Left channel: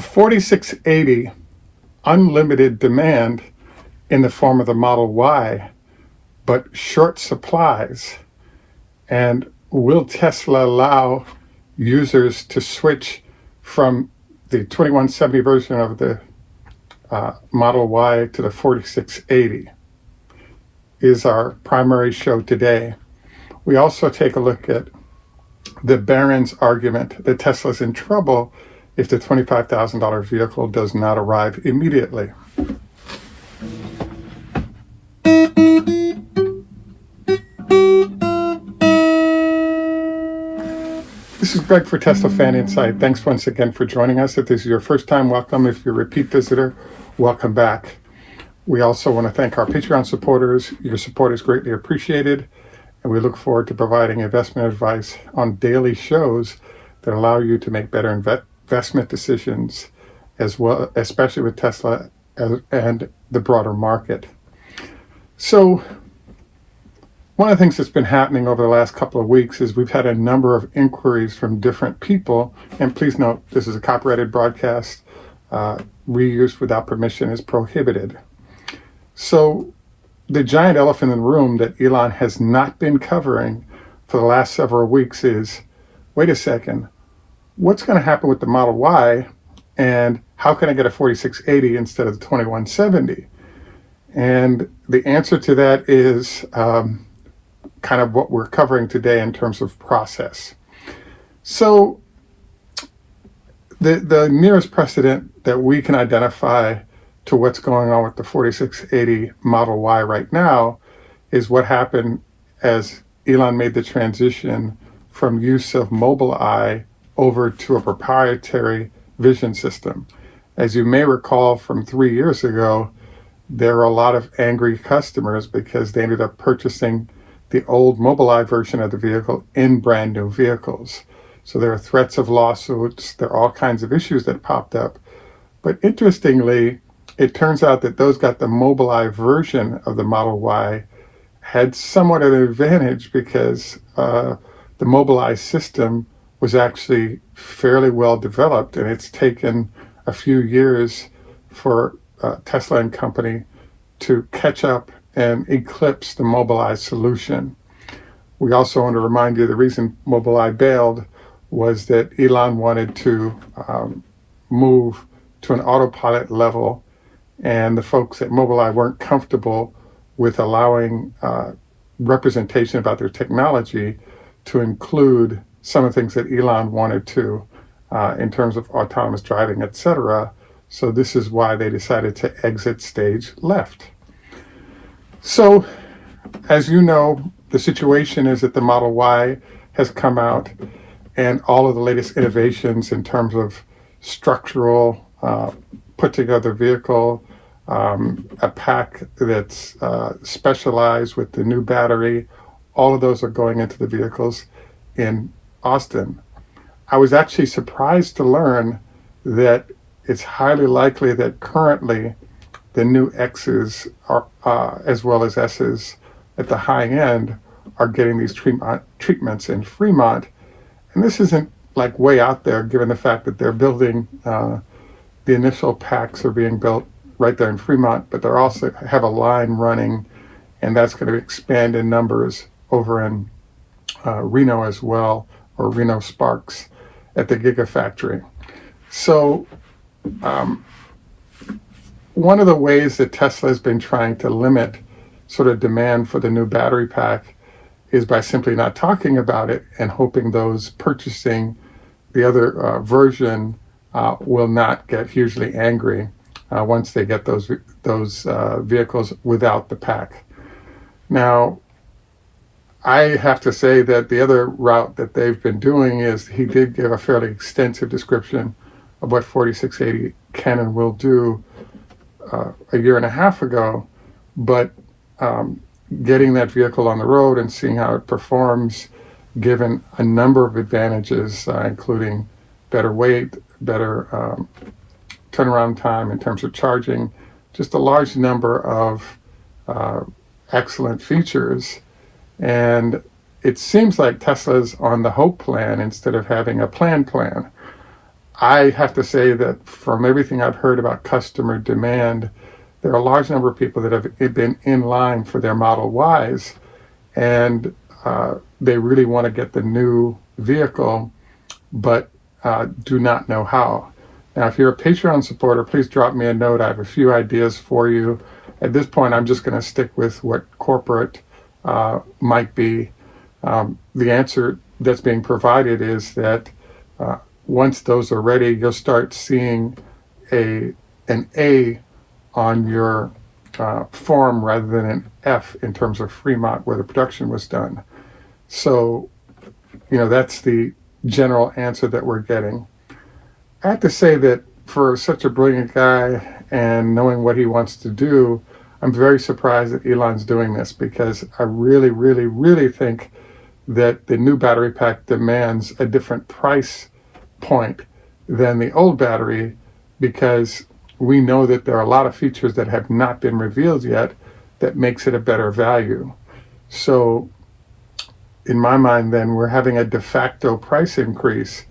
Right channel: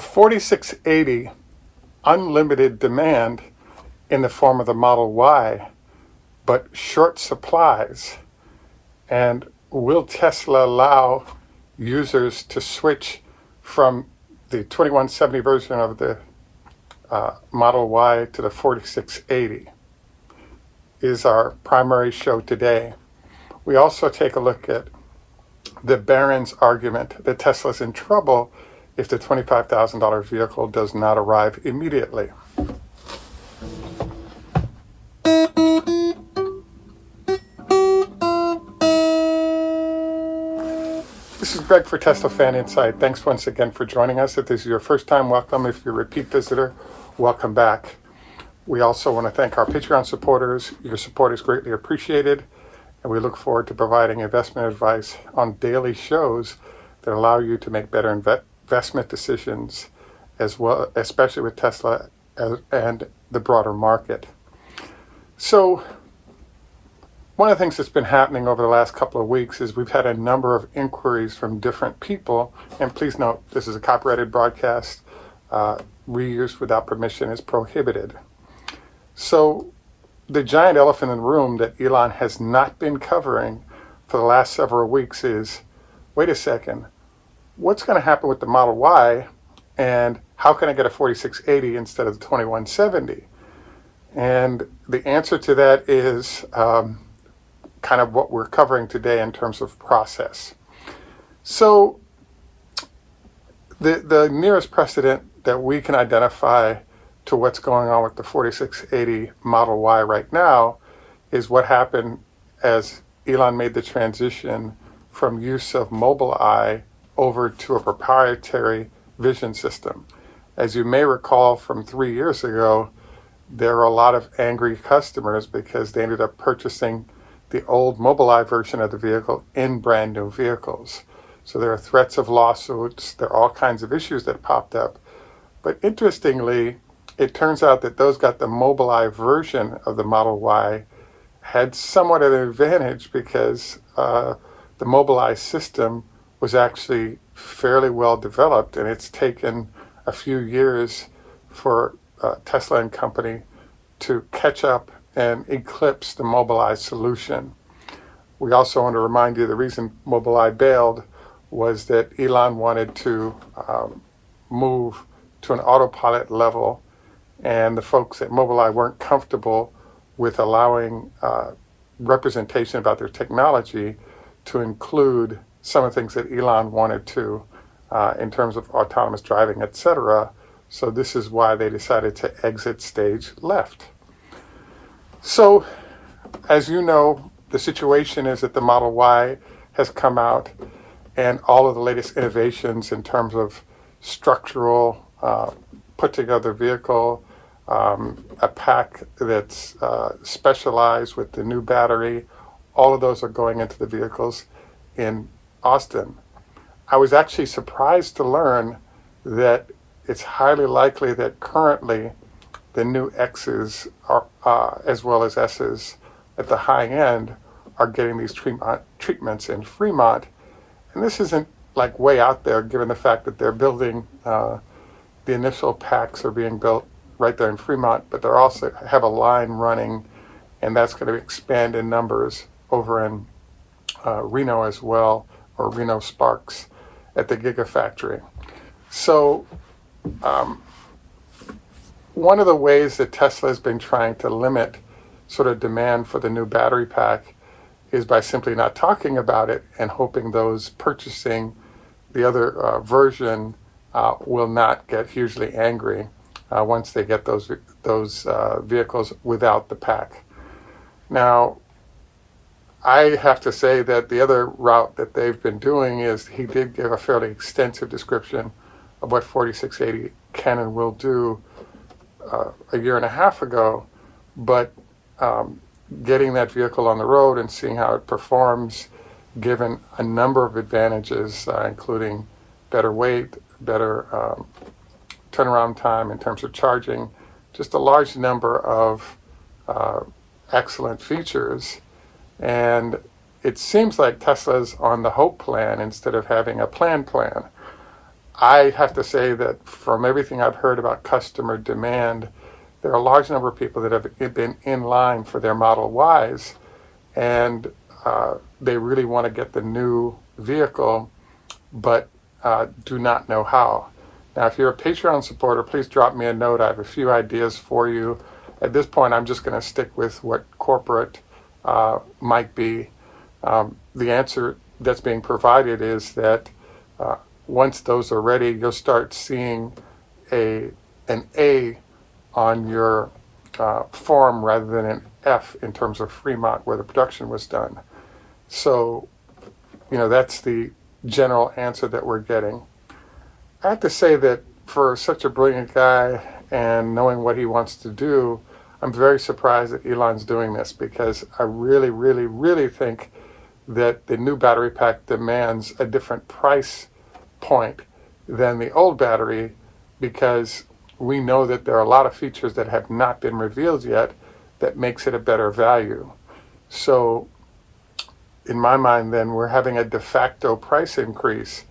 The 4680, unlimited demand in the form of the Model Y, but short supplies. And will Tesla allow users to switch from the 2170 version of the Model Y to the 4680? Is our primary show today. We also take a look at the Barrons argument that Tesla's in trouble if the $25,000 vehicle does not arrive immediately. This is Greg for Teslafaninsight. Thanks once again for joining us. If this is your first time, welcome. If you're a repeat visitor, welcome back. We also want to thank our Patreon supporters. Your support is greatly appreciated, and we look forward to providing investment advice on daily shows that allow you to make better investment decisions, as well, especially with Tesla and the broader market. So, one of the things that's been happening over the last couple of weeks is we've had a number of inquiries from different people, and please note this is a copyrighted broadcast. Reuse without permission is prohibited. So the giant elephant in the room that Elon has not been covering for the last several weeks is, wait a second, what's going to happen with the Model Y, and how can I get a 4680 instead of the 2170? And the answer to that is kind of what we're covering today in terms of process. So the nearest precedent that we can identify to what's going on with the 4680 Model Y right now is what happened as Elon made the transition from use of Mobileye over to a proprietary vision system. As you may recall from 3 years ago, there were a lot of angry customers because they ended up purchasing the old Mobileye version of the vehicle in brand new vehicles. So there are threats of lawsuits, there are all kinds of issues that popped up. But interestingly, it turns out that those got the Mobileye version of the Model Y had somewhat of an advantage because the Mobileye system was actually fairly well developed, and it's taken a few years for Tesla and company to catch up and eclipse the Mobileye solution. We also want to remind you the reason Mobileye bailed was that Elon wanted to move to an autopilot level, and the folks at Mobileye weren't comfortable with allowing representation about their technology to include some of the things that Elon wanted to in terms of autonomous driving, etc. So this is why they decided to exit stage left. So, as you know, the situation is that the Model Y has come out, and all of the latest innovations in terms of structural, put together vehicle, a pack that's specialized with the new battery, all of those are going into the vehicles in Austin. I was actually surprised to learn that it's highly likely that currently the new X's are, as well as S's at the high end are getting these treatments in Fremont. And this isn't like way out there given the fact that they're building, the initial packs are being built right there in Fremont, but they're also have a line running, and that's going to expand in numbers over in Reno as well, or Reno Sparks at the Gigafactory. So one of the ways that Tesla has been trying to limit sort of demand for the new battery pack is by simply not talking about it and hoping those purchasing the other version will not get hugely angry once they get those vehicles without the pack. Now, I have to say that the other route that they've been doing is he did give a fairly extensive description of what 4680 can and will do a year and a half ago, but getting that vehicle on the road and seeing how it performs, given a number of advantages, including better weight, better turnaround time in terms of charging, just a large number of excellent features. And it seems like Tesla's on the hope plan instead of having a plan. I have to say that from everything I've heard about customer demand, there are a large number of people that have been in line for their Model Ys, and they really want to get the new vehicle, but do not know how. Now, if you're a Patreon supporter, please drop me a note. I have a few ideas for you. At this point, I'm just going to stick with what corporate might be. The answer that's being provided is that once those are ready, you'll start seeing an A on your form rather than an F in terms of Fremont where the production was done. So, that's the general answer that we're getting. I have to say that for such a brilliant guy and knowing what he wants to do, I'm very surprised that Elon's doing this, because I really, really, really think that the new battery pack demands a different price point than the old battery, because we know that there are a lot of features that have not been revealed yet that makes it a better value. So in my mind, then, we're having a de facto price increase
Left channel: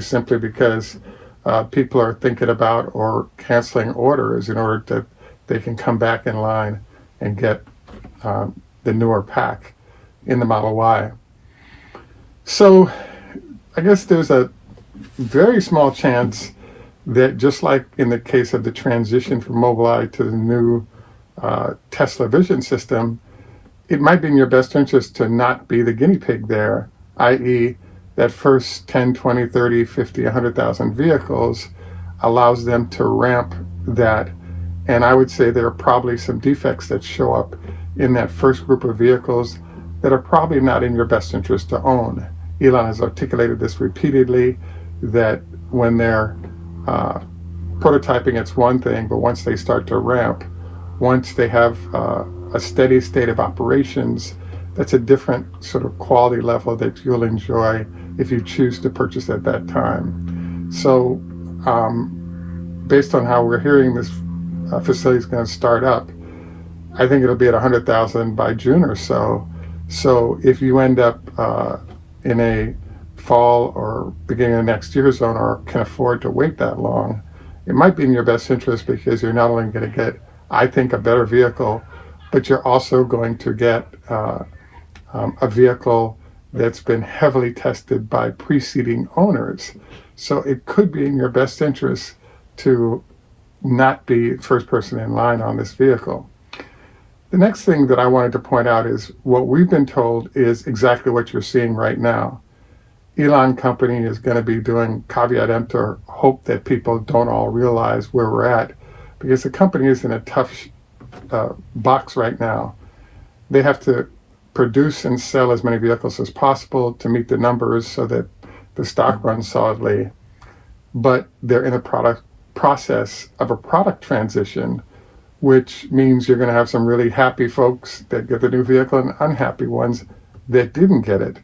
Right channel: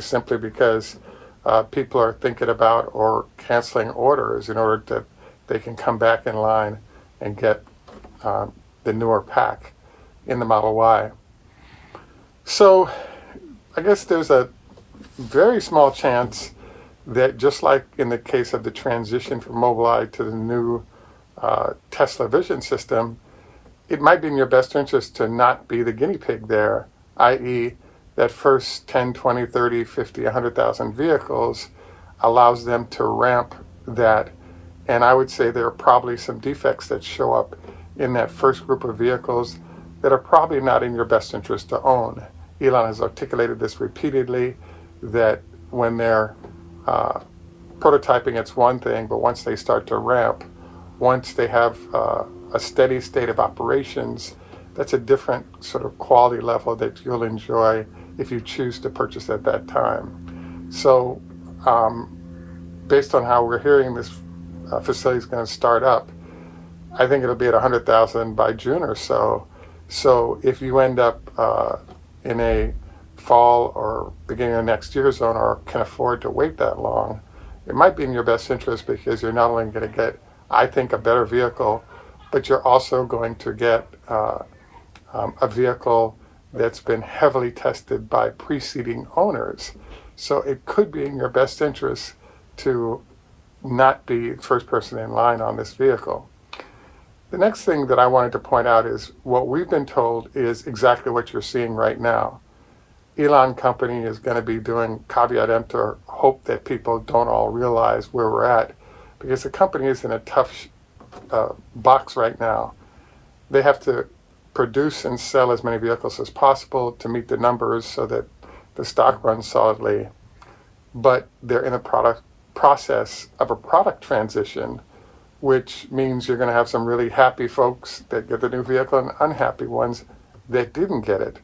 simply because people are thinking about or canceling orders in order that they can come back in line and get the newer pack in the Model Y. So I guess there's a very small chance that, just like in the case of the transition from Mobileye to the new Tesla vision system, it might be in your best interest to not be the guinea pig there, i.e. that first 10, 20, 30, 50, 100,000 vehicles allows them to ramp that. And I would say there are probably some defects that show up in that first group of vehicles that are probably not in your best interest to own. Elon has articulated this repeatedly, that when they're prototyping, it's one thing, but once they start to ramp, once they have a steady state of operations, that's a different sort of quality level that you'll enjoy if you choose to purchase at that time. So based on how we're hearing this facility is going to start up, I think it'll be at 100,000 by June or so. So if you end up in a fall or beginning of next year zone, or can afford to wait that long, it might be in your best interest, because you're not only going to get, I think, a better vehicle, but you're also going to get a vehicle that's been heavily tested by preceding owners. So it could be in your best interest to not be first person in line on this vehicle. The next thing that I wanted to point out is what we've been told is exactly what you're seeing right now. Elon Company is going to be doing caveat emptor, hope that people don't all realize where we're at, because the company is in a tough box right now. They have to produce and sell as many vehicles as possible to meet the numbers so that the stock runs solidly, but they're in a process of a product transition, which means you're going to have some really happy folks that get the new vehicle and unhappy ones that didn't get it.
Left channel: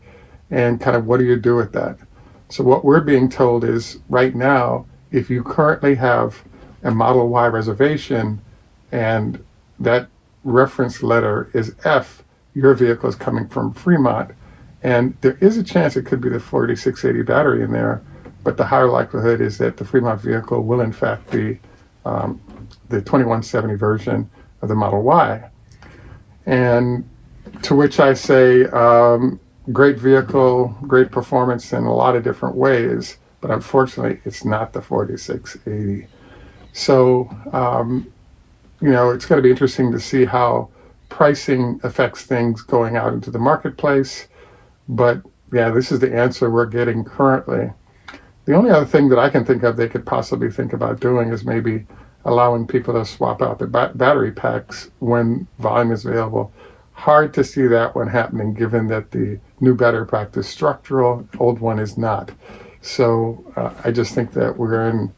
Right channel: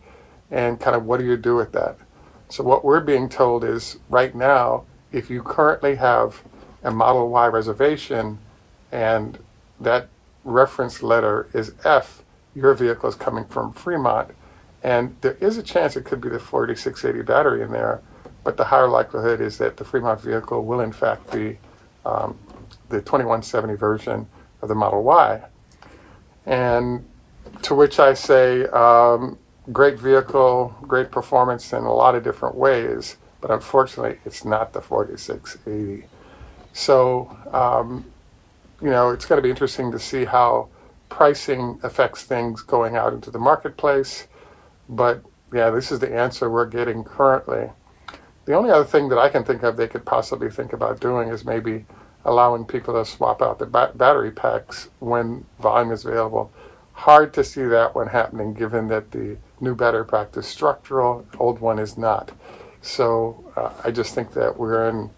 And kind of, what do you do with that? So what we're being told is, right now, if you currently have a Model Y reservation and that reference letter is F, your vehicle is coming from Fremont, and there is a chance it could be the 4680 battery in there, but the higher likelihood is that the Fremont vehicle will in fact be the 2170 version of the Model Y. And to which I say, great vehicle, great performance in a lot of different ways, but unfortunately it's not the 4680. So, it's going to be interesting to see how pricing affects things going out into the marketplace. But yeah, this is the answer we're getting currently. The only other thing that I can think of they could possibly think about doing is maybe allowing people to swap out the battery packs when volume is available. Hard to see that one happening, given that the new battery pack is structural, the old one is not. So I just think that we're in,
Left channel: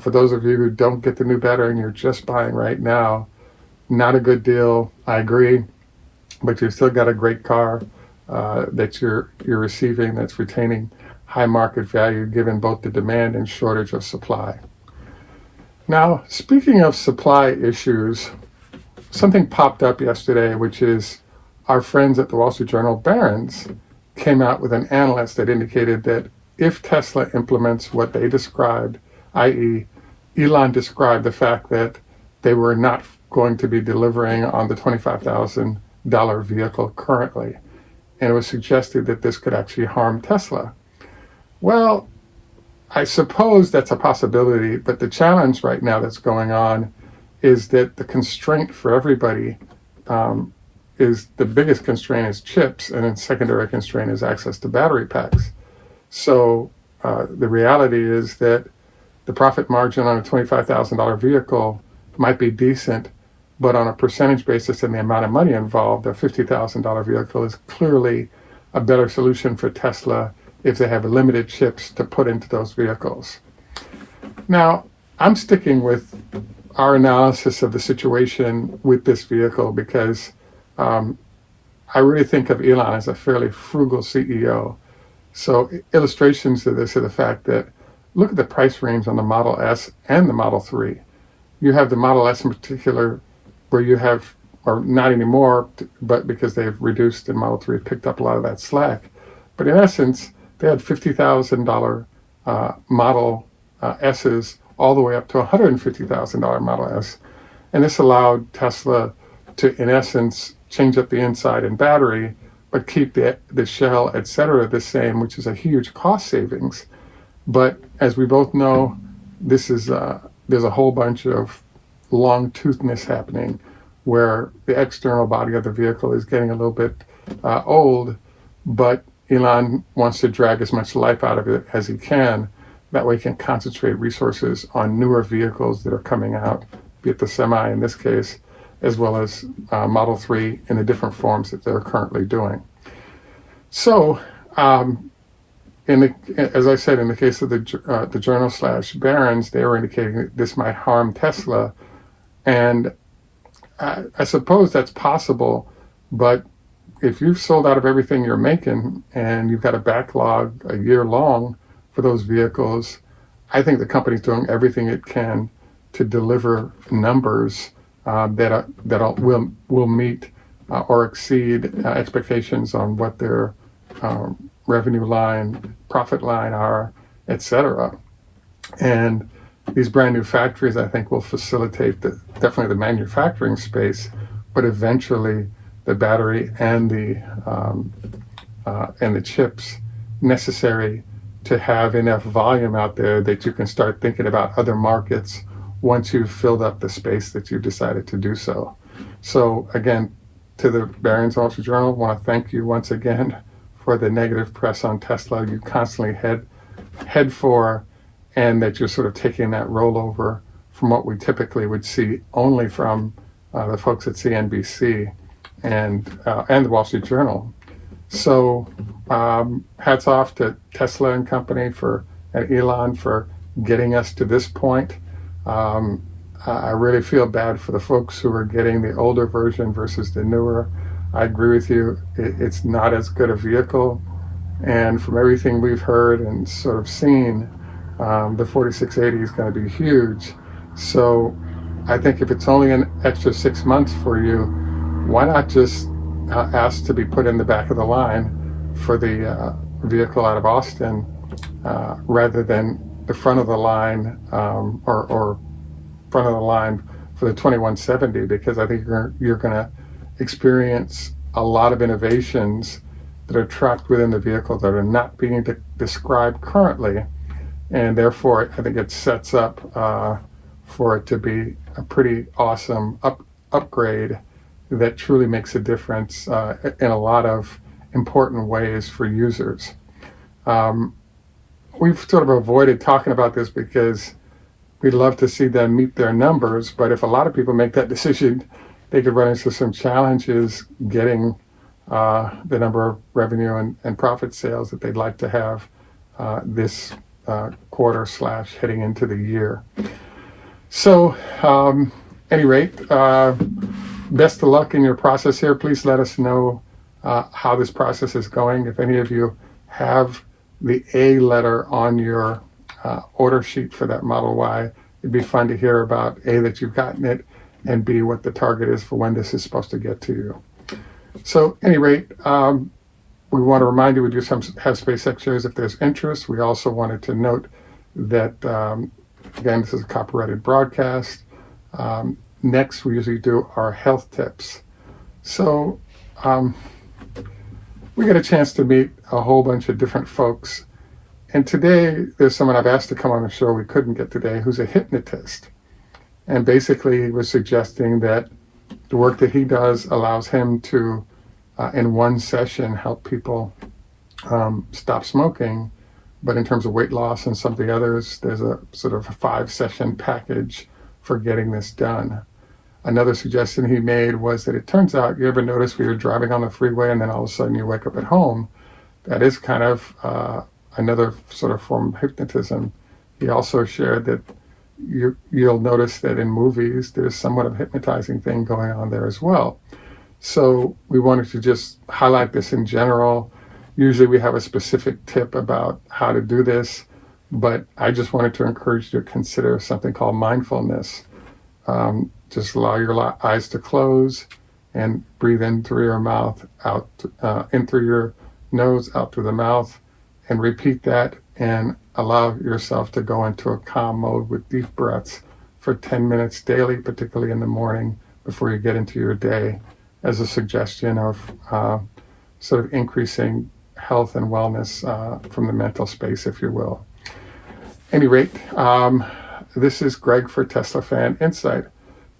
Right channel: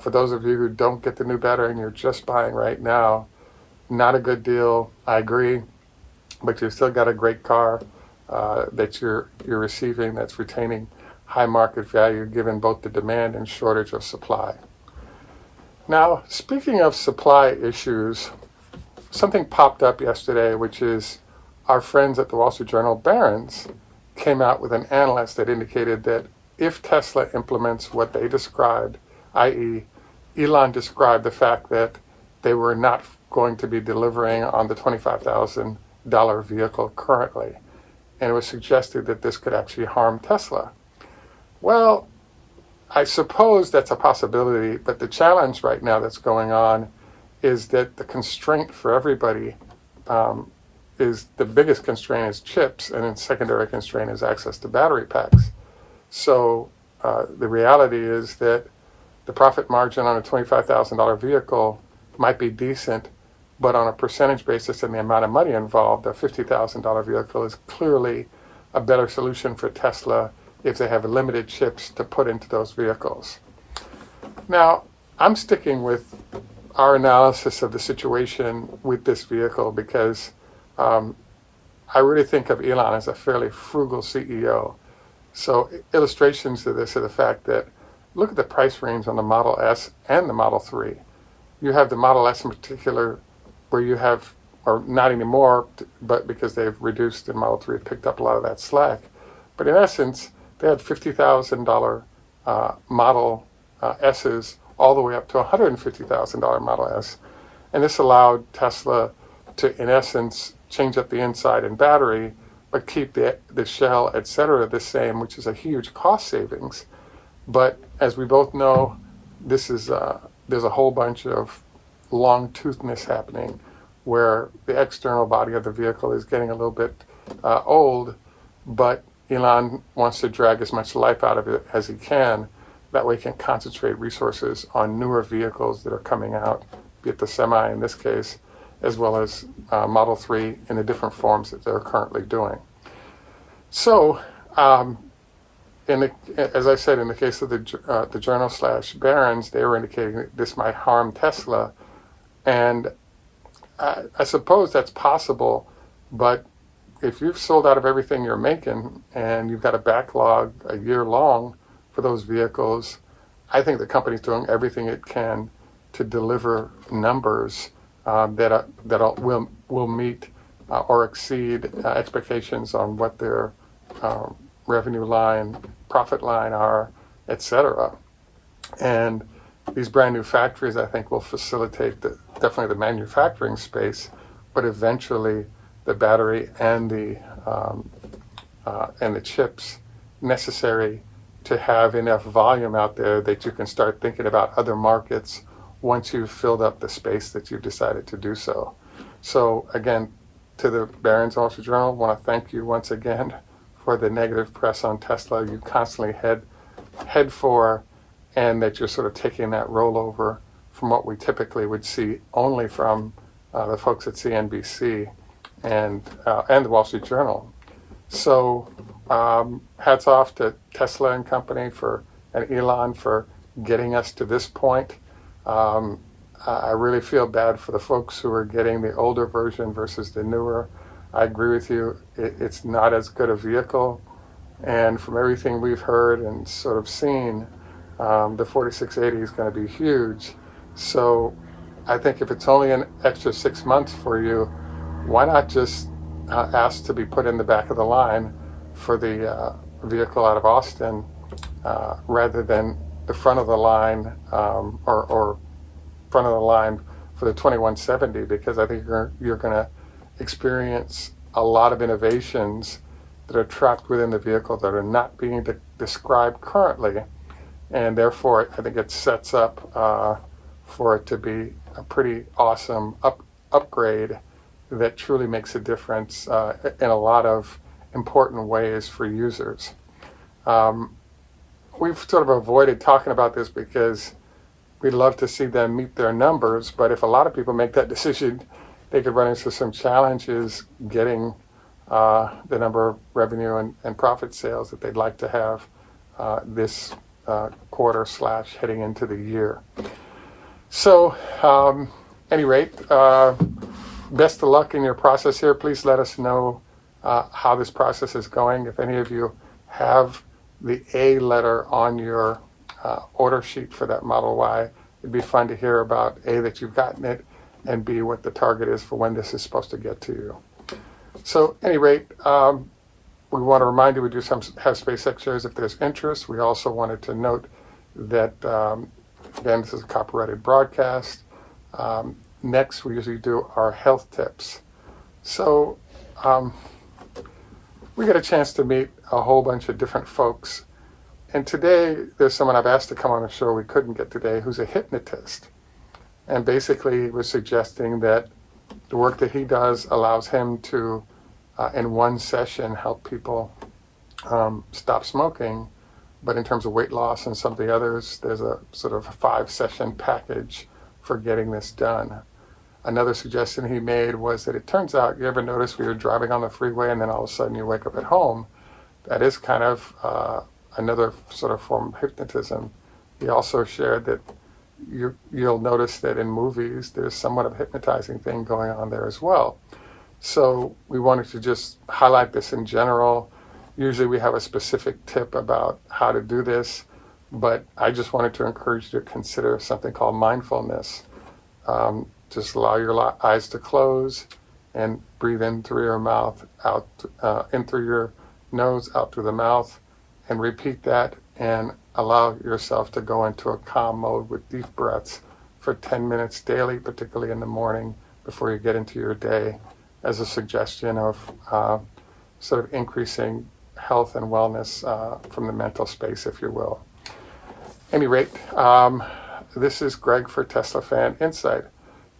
for those of you who don't get the new battery and you're just buying right now, not a good deal, I agree, but you've still got a great car that you're receiving that's retaining high market value given both the demand and shortage of supply. Now, speaking of supply issues, something popped up yesterday, which is our friends at the Wall Street Journal, Barrons, came out with an analyst that indicated that if Tesla implements what they described, i.e., Elon described the fact that they were not going to be delivering on the $25,000 vehicle currently. And it was suggested that this could actually harm Tesla. Well, I suppose that's a possibility, but the challenge right now that's going on is that the constraint for everybody is the biggest constraint is chips, and then secondary constraint is access to battery packs. So the reality is that the profit margin on a $25,000 vehicle might be decent, but on a percentage basis and the amount of money involved, a $50,000 vehicle is clearly a better solution for Tesla if they have limited chips to put into those vehicles. Now, I'm sticking with our analysis of the situation with this vehicle because I really think of Elon as a fairly frugal CEO. So illustrations to this are the fact that look at the price range on the Model S and the Model 3. You have the Model S in particular where you have, or not anymore, but because they've reduced and Model 3 picked up a lot of that slack. But in essence, they had $50,000 Model S's all the way up to $150,000 Model S. And this allowed Tesla to, in essence, change up the inside and battery, but keep the shell, et cetera, the same, which is a huge cost savings. But as we both know, this is there's a whole bunch of long-toothness happening where the external body of the vehicle is getting a little bit old, but Elon wants to drag as much life out of it as he can. That way he can concentrate resources on newer vehicles that are coming out, be it the Semi in this case, as well as Model 3 in the different forms that they're currently doing. So, as I said, in the case of the journal/Barrons, they were indicating that this might harm Tesla. And I suppose that's possible, but if you've sold out of everything you're making and you've got a backlog a year long for those vehicles, I think the company's doing everything it can to deliver numbers that will meet or exceed expectations on what their revenue line, profit line are, etc. And these brand new factories, I think, will facilitate definitely the manufacturing space, but eventually the battery and the chips necessary to have enough volume out there that you can start thinking about other markets once you've filled up the space that you decided to do so. So again, to the Barron's Wall Street Journal, I want to thank you once again for the negative press on Tesla you constantly head for, and that you're sort of taking that rollover from what we typically would see only from the folks at CNBC and the Wall Street Journal. So hats off to Tesla and company and Elon for getting us to this point. I really feel bad for the folks who are getting the older version versus the newer. I agree with you. It's not as good a vehicle. And from everything we've heard and sort of seen, the 4680 is going to be huge. So I think if it's only an extra 6 months for you, why not just ask to be put in the back of the line for the vehicle out of Austin rather than the front of the line or front of the line for the 2170, because I think you're going to experience a lot of innovations that are trapped within the vehicle that are not being described currently, and therefore I think it sets up for it to be a pretty awesome upgrade that truly makes a difference in a lot of important ways for users. We've sort of avoided talking about this because we'd love to see them meet their numbers, but if a lot of people make that decision, they could run into some challenges getting the number of revenue and profit sales that they'd like to have this quarter / heading into the year. So, any rate, best of luck in your process here. Please let us know how this process is going. If any of you have the A letter on your order sheet for that Model Y, it'd be fun to hear about A, that you've gotten it, and B, what the target is for when this is supposed to get to you. So, at any rate, We want to remind you we do have SpaceX shares if there's interest. We also wanted to note that, again, this is a copyrighted broadcast. Next, we usually do our health tips. So we get a chance to meet a whole bunch of different folks. And today, there's someone I've asked to come on the show we couldn't get today, who's a hypnotist. And basically, he was suggesting that the work that he does allows him to, in one session, help people stop smoking. But in terms of weight loss and some of the others, there's a sort of a 5-session package for getting this done. Another suggestion he made was that it turns out, you ever notice when you're driving on the freeway and then all of a sudden you wake up at home? That is kind of another sort of form of hypnotism. He also shared that you'll notice that in movies, there's somewhat of a hypnotizing thing going on there as well. So we wanted to just highlight this in general. Usually we have a specific tip about how to do this, but I just wanted to encourage you to consider something called mindfulness. Just allow your eyes to close and breathe in through your mouth, out in through your nose, out through the mouth, and repeat that and allow yourself to go into a calm mode with deep breaths for 10 minutes daily, particularly in the morning before you get into your day, as a suggestion of sort of increasing health and wellness from the mental space, if you will. At any rate, this is Greg for Teslafaninsight.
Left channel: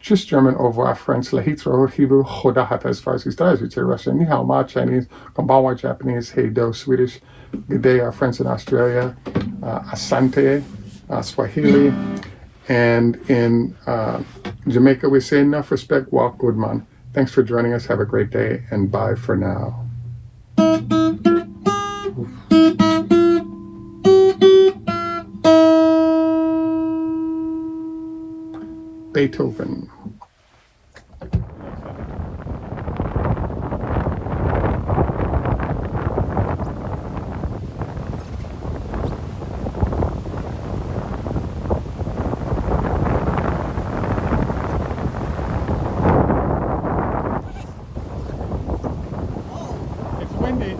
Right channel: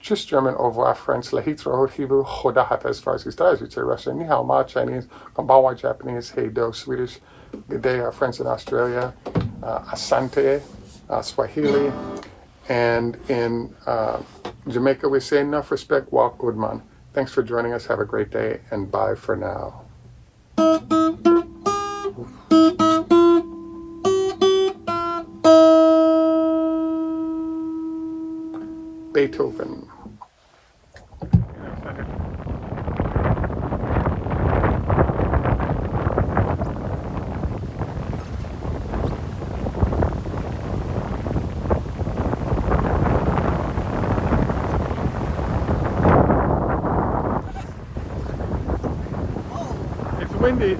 Tschüss, German, au revoir, French, lahitro, Hebrew, choda hafiz, Farsi, stars, you'd say Russian, ni hao ma, Chinese, konbanwa, Japanese, hey do, Swedish, good day, our friends in Australia, asante, Swahili, and in Jamaica we say enough respect, walk good man. Thanks for joining us, have a great day, and bye for now. Beethoven. It's windy.